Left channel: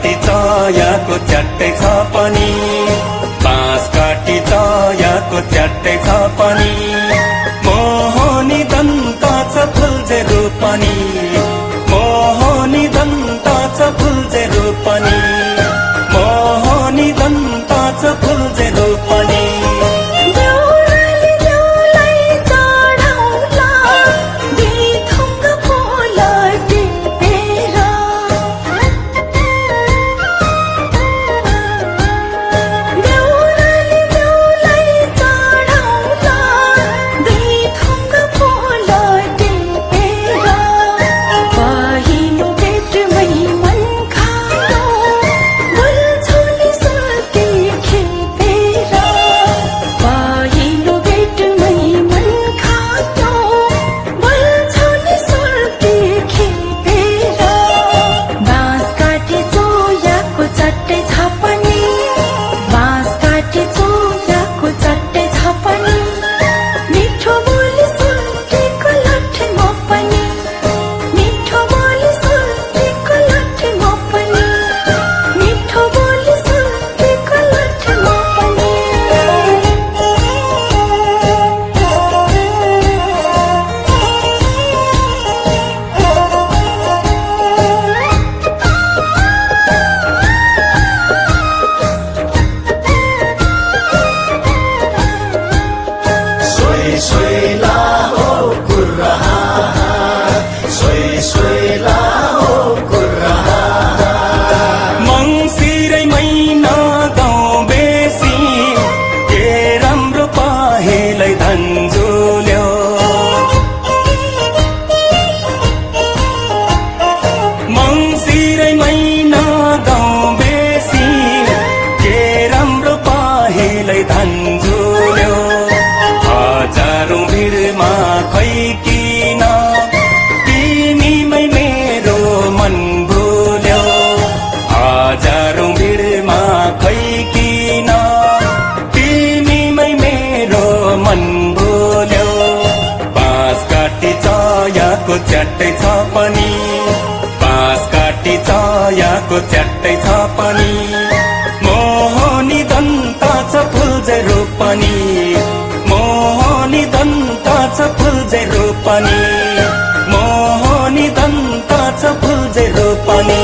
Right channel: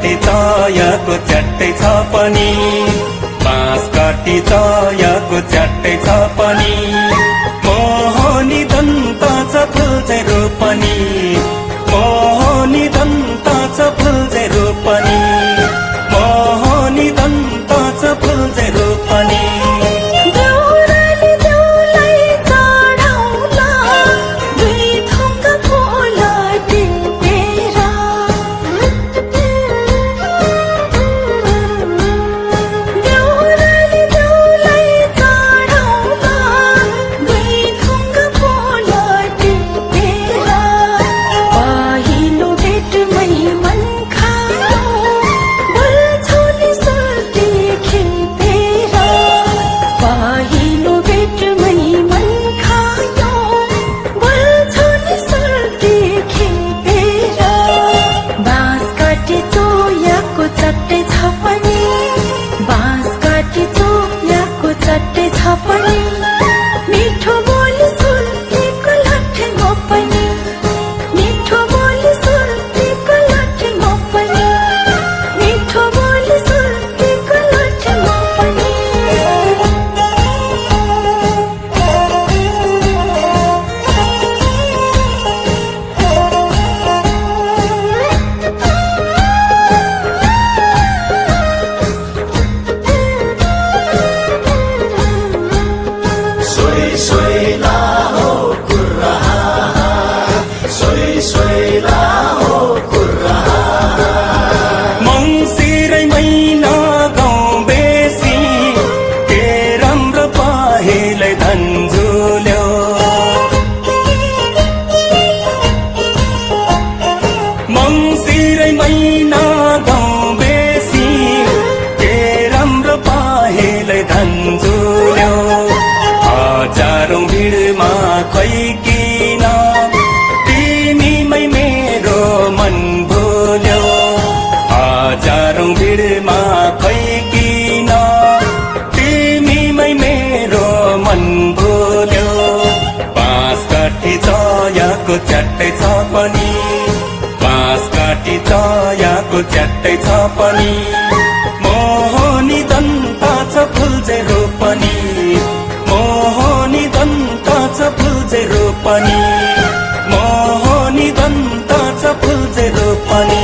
काटी चयाको च्याट्टै छ पनि, बाँस काटी चयाको च्याट्टै छ पनि, मोहनी दन्त छ फुल्जे रोपनी, मोहनी दन्त छ फुल्जे रोपनी, मोहनी दन्त छ फुल्जे रोपनी। मंसिरै महिना गाउँ बेसी के राम्रो पाहेलै धन्जुल्यो, मंसिरै महिना गाउँ बेसी के राम्रो पाहेलै धन्जुल्यो, हजारौं भिडमा खै किन तिमीमै मेरो मन भुल्यो, हजारौं भिडमा खै किन तिमीमै मेरो मन भुल्यो, बाँस काटी चयाको च्याट्टै छ पनि, बाँस काटी चयाको च्याट्टै छ पनि, मोहनी दन्त छ फुल्जे रोपनी, मोहनी दन्त छ फुल्जे रोपनी, मोहनी दन्त छ फुल्जे रोपनी।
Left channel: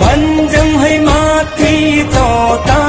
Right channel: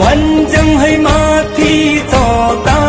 भन्ज्याङ है माथि चौका